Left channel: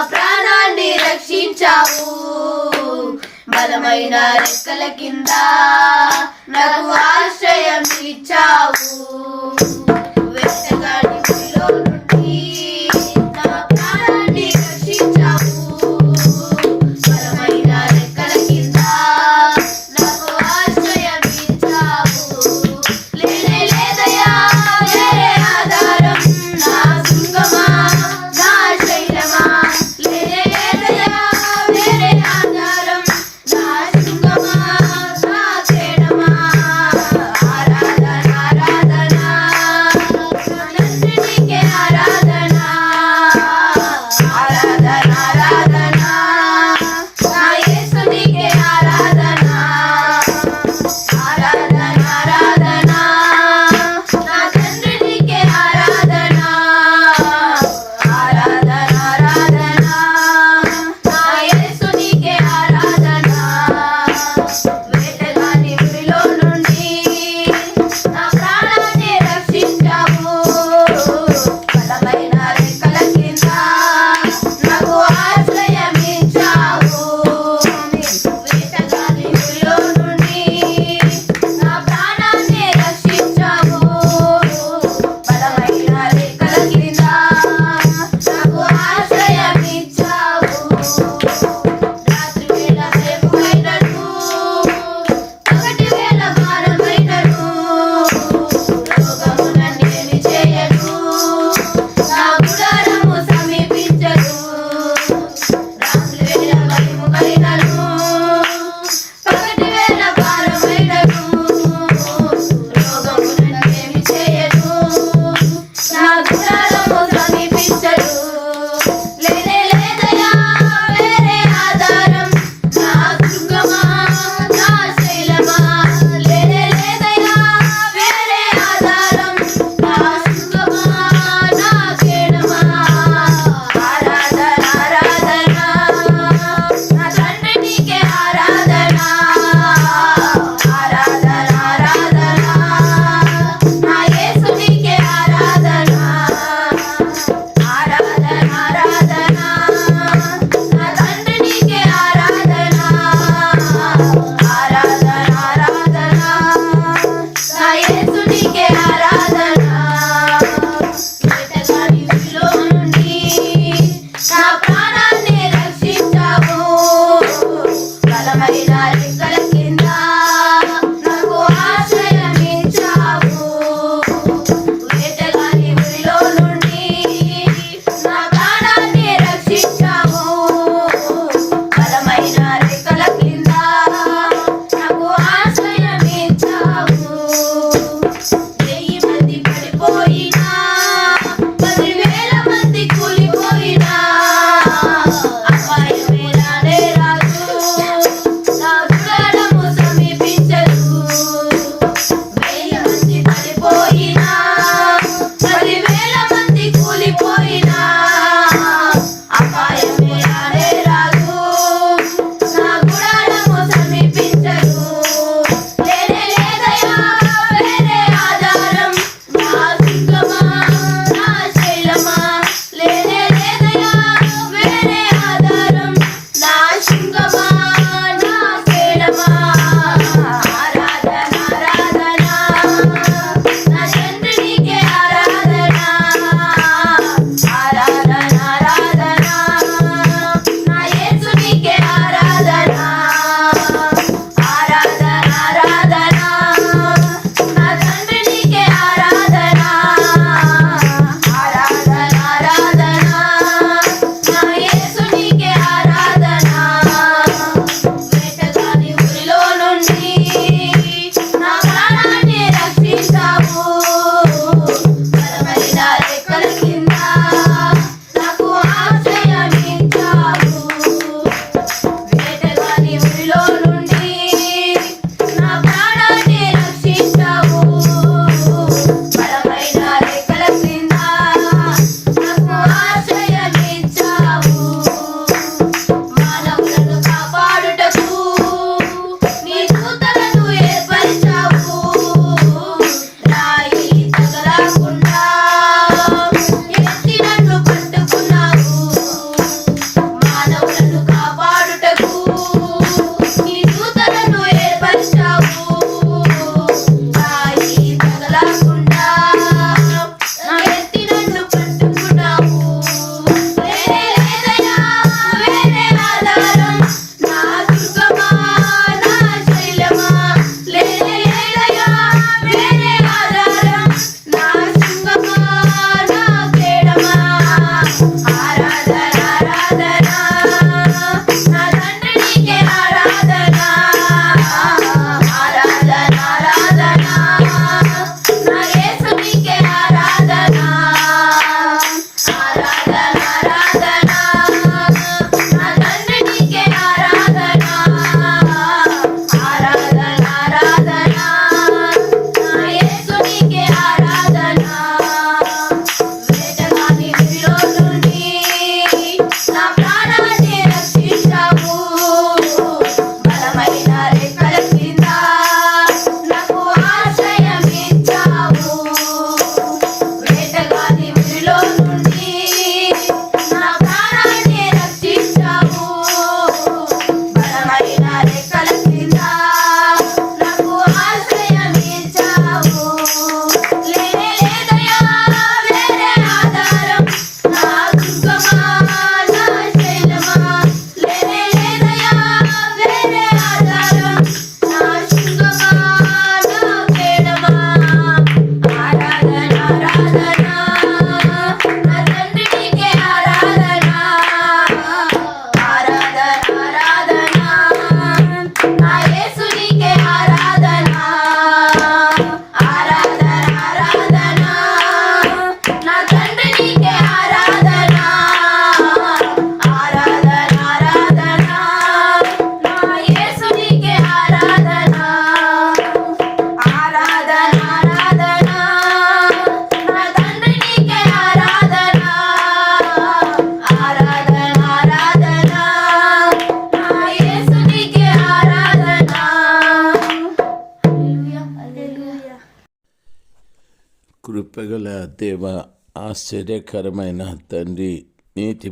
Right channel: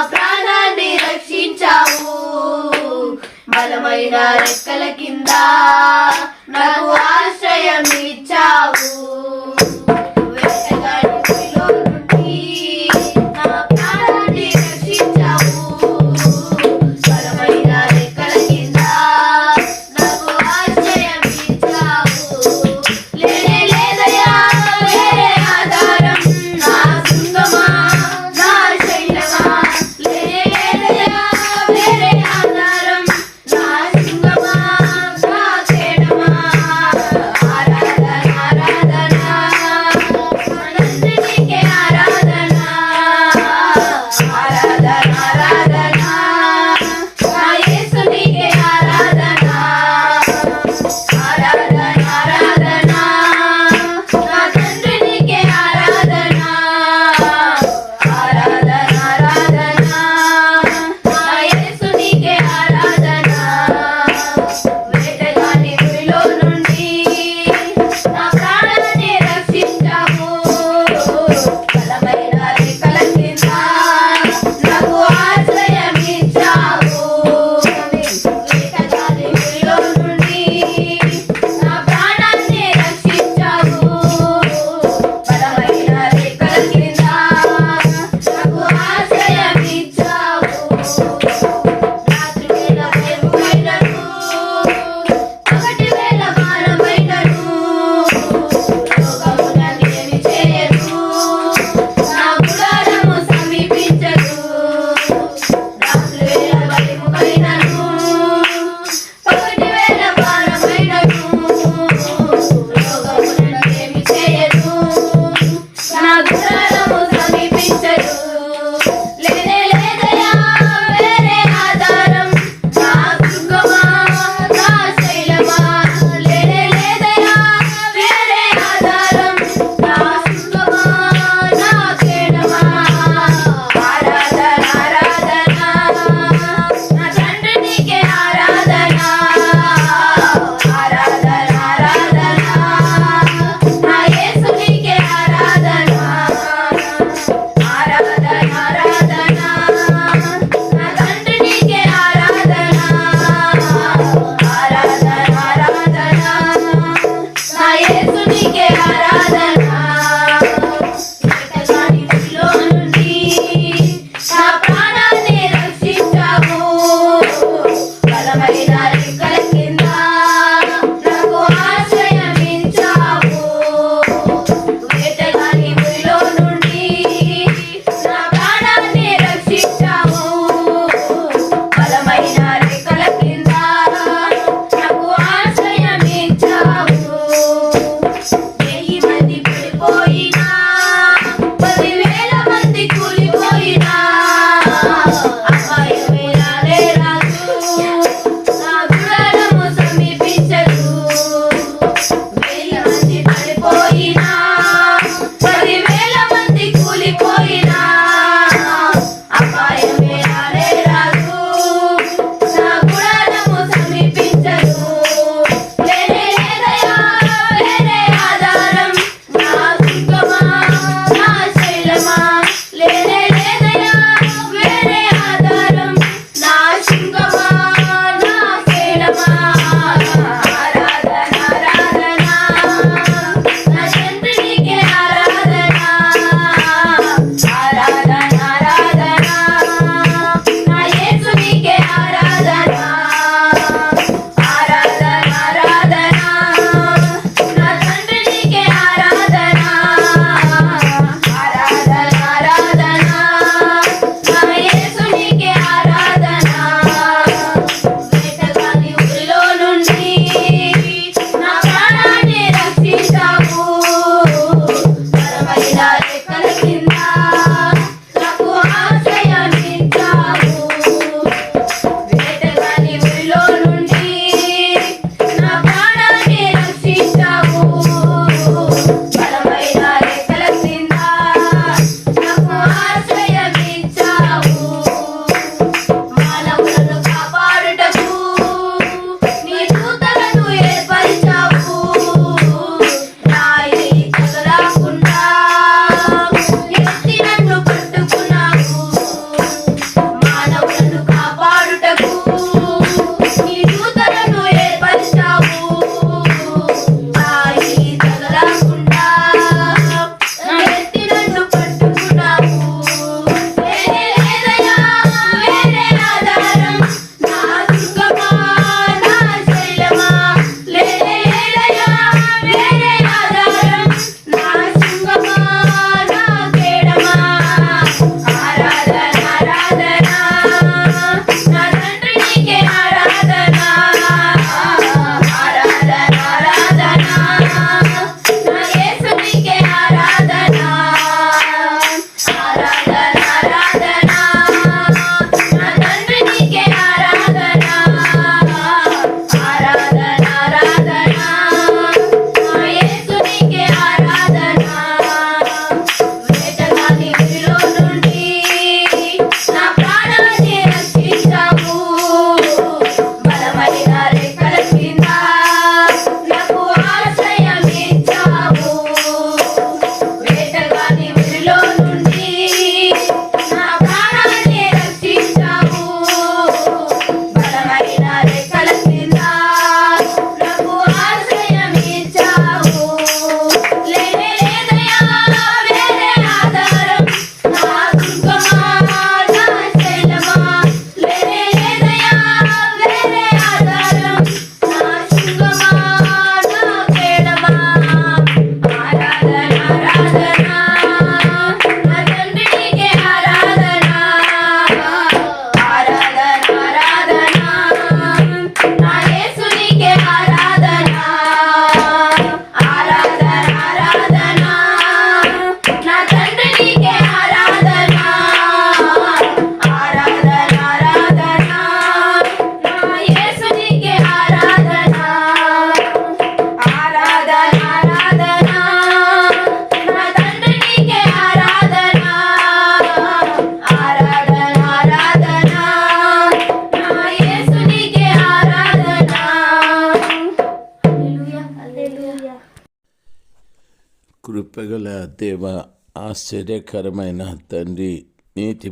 ప్రాణాన్ని రక్షించావు. బలమైన రెక్కల కింద నాకు ఆశ్రయం ఇచ్చావు. కృపగల దేవ ఆశ్చర్యకరమైన తండ్రి నీతి